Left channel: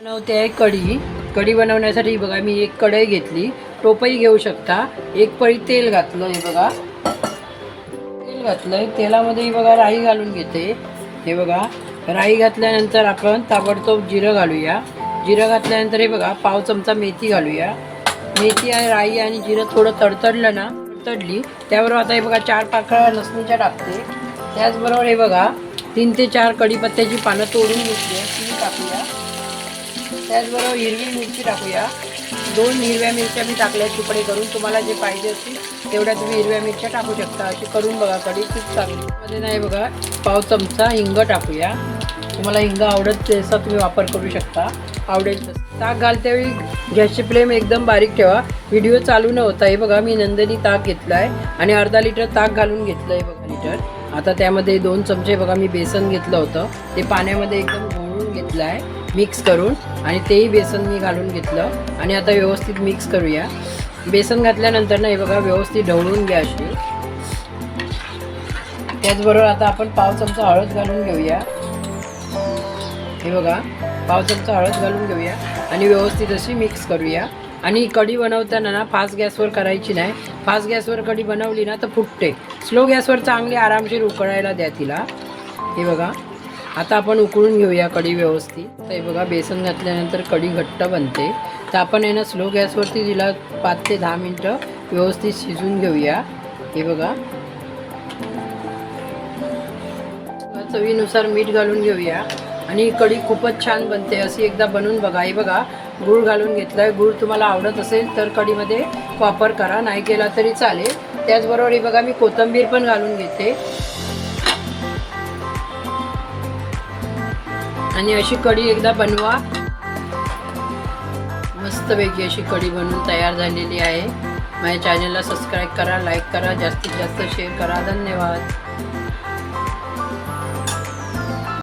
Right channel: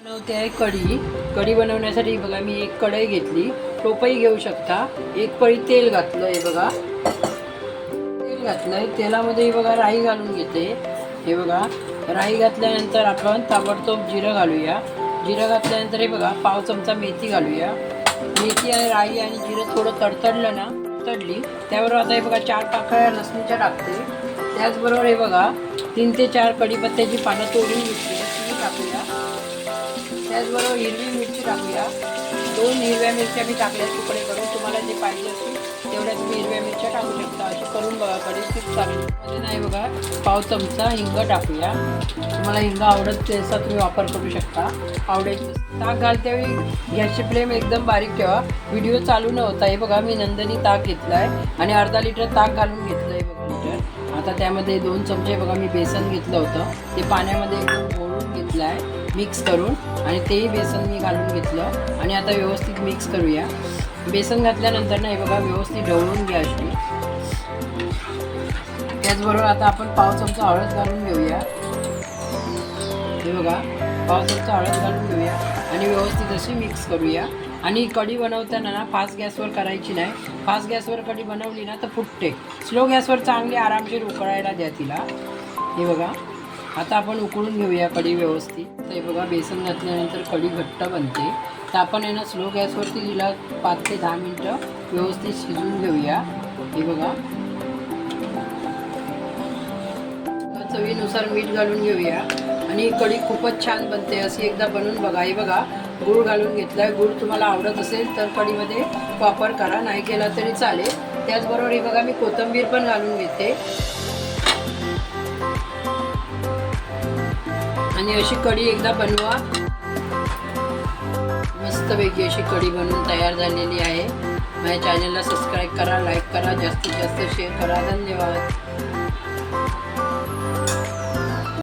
बनवते आहे कढी बनवण्यासाठी बघा मी एक कढई घेतली, टोपई घेऊ शकता, एक पळी तेल घातलं आहे बघा, तेल घातलंय, तेलामध्ये बघा राई घालून घेते. हे बघा राई घातल्यानंतर आपण ताबडतोब जिरं घालूया. जिरं घातल्यानंतर हे बघा पाव चमचा मेथी घालूया. मेथी आणि राई आणि जिरं थोडं तडतडलं ना, तडली त्याबरोबर आता हे बघा 4 पाकळ्या लसणीच्या टाकते. त्याचबरोबर हे बघा 3 ते 4 कढीपत्त्याची पानं तोडून घेतली ती टाकूया. त्याचबरोबर हिरवी मिरची टाकूया. 2 हिरव्या मिरच्या मी टाकल्या तुकडे करून. तुम्हाला जे पाहिजे असेल तेवढ्या तुम्ही हिरव्या मिरच्या टाकू शकता. अशी करून बघा कढी खूप चांगली. मध्ये नाही बघा पाव चमचा हिंग टाकूया. तुम्हाला हिंग आवडत तसा तुम्ही वापर करू शकता, आवडेल तसं. ताक घालतेवेळी गॅसची फ्लेम एकदम बारीक ठेवा. व्हिडिओ चालू न होता हे बघा मी नंदिनी ताक घेतला आहे आणि अर्धा लिटर ताक घालून घेतलं आहे बघा लिटर. आता त्यामध्ये 2 चमचे बघा मी बेसन घेतलं होतं, ते पाण्यामध्ये एकदम घोळून घेतलं आहे मिक्स करून, आणि तेही बेसन मी घालून घेतलं आणि आता व्यवस्थित मिक्स करूया. बेसन घातल्यानंतर ना हे बघा व्यवस्थित ढवळून घ्या अशी. त्याचबरोबर आता आपण पाव चमचा हळद घालून घेऊया. हे बघा पाव चमचा हळद घालून घेऊया आणि व्यवस्थित अशी मिक्स करूया. आणि कढी बनवताना ना फास्ट गॅसवर करायची नाही. फास्ट गॅसवर कढी बनवली ना तर फुटते. स्लो गॅसवर चांगली आरामशीर उकळायला द्या तिला. हे बघा आता आपण उकळून घेऊया कढी व्यवस्थित. तर हे बघा बेसन घातल्यानंतर कढी घट्ट बनते. तर आपण आहे ना स्लो गॅसवरती तिला 5 ते 10 मिनटं व्यवस्थित शिजून घेऊया. हे बघा चवीनुसार मीठ घालून घेऊया आणि कढी खूपच छान बनते. अशी एकदा बनवून बघा. हे बघा गूळ घालून घेतला आहे. गूळ तुम्हाला आवडत असेल तर कढीमध्ये वापर करा, नाही केला तरी चालेल. त्याचबरोबर हे बघा मी कोथिंबीर पण घालून घेते आणि अशी कढी एकदा बनवा. मस्तपैकी अशी कढी बनवून तयार झालेली आहे. माझ्या चॅनलला सबस्क्राईब करा, लाईक करा, जास्तीत जास्त शेअर करा. धन्यवाद.